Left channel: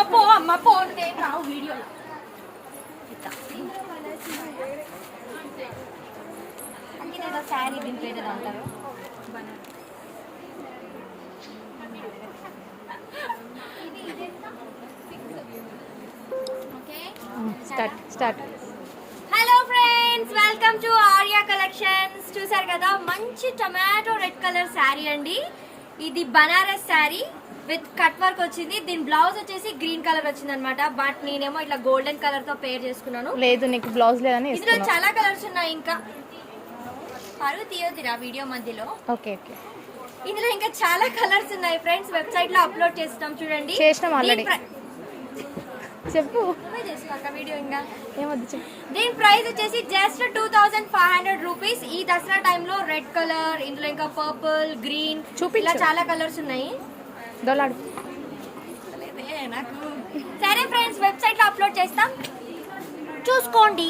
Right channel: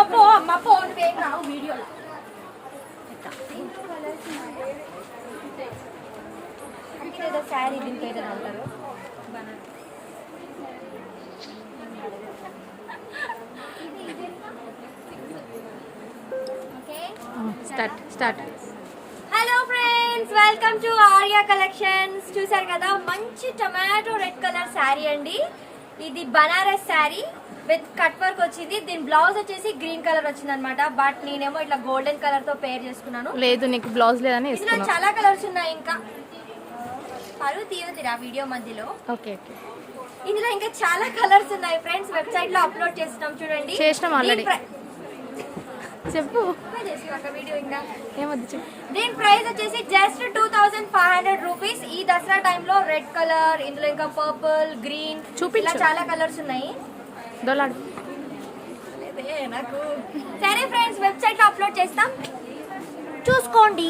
అమ్మ పో నువ్వేం రావు వీడియోలో. అంటే ఏదో శారీ దీని పేరు అంటారు. Start. Hello friends, welcome to Arya collections. చూసారు కదా, మంచి టొమాటో రెడ్ కలర్ శారీ అండి. ఇది Banaras sari with cut work వచ్చింది. దీని బ్లౌజ్ వచ్చేసి గ్రీన్ కలర్ వచ్చింది అనమాట. బట్ నేనేమో ఇట్లా గోల్డెన్ కలర్ తో పేర్ చేసుకున్నాను. లేదు, నీకు బ్లౌజ్ లేదని ఇందులో చాలా కలర్స్ ఉన్నాయి. ఇంకా పరువు తీయొద్దురా వీడియో మధ్యలో. ఓకే. ఇందులో ఇంకా చాలా కలర్స్ ఉన్నాయి ఫ్రెండ్స్. వెబ్సైట్ లో అప్లోడ్ చేస్తాం, చూడండి. చేసినాం ఆల్రెడీ. చెప్పు, వీడియో ఇంకా ఏమొద్దు చెప్పు. దీని ప్రైస్ వచ్చేసి జస్ట్ 2500 రూపీస్. ఈ దసరా టైంలో రెడ్ కలర్, ఇందులో ఇంకా పర్పుల్, గ్రీన్, ఇలా చాలా కలర్స్ ఉన్నాయి. దొలాడు నాకు సరే ఫ్రెండ్స్, వెబ్సైట్ లో అప్లోడ్ చేస్తాం, చూసుకోండి.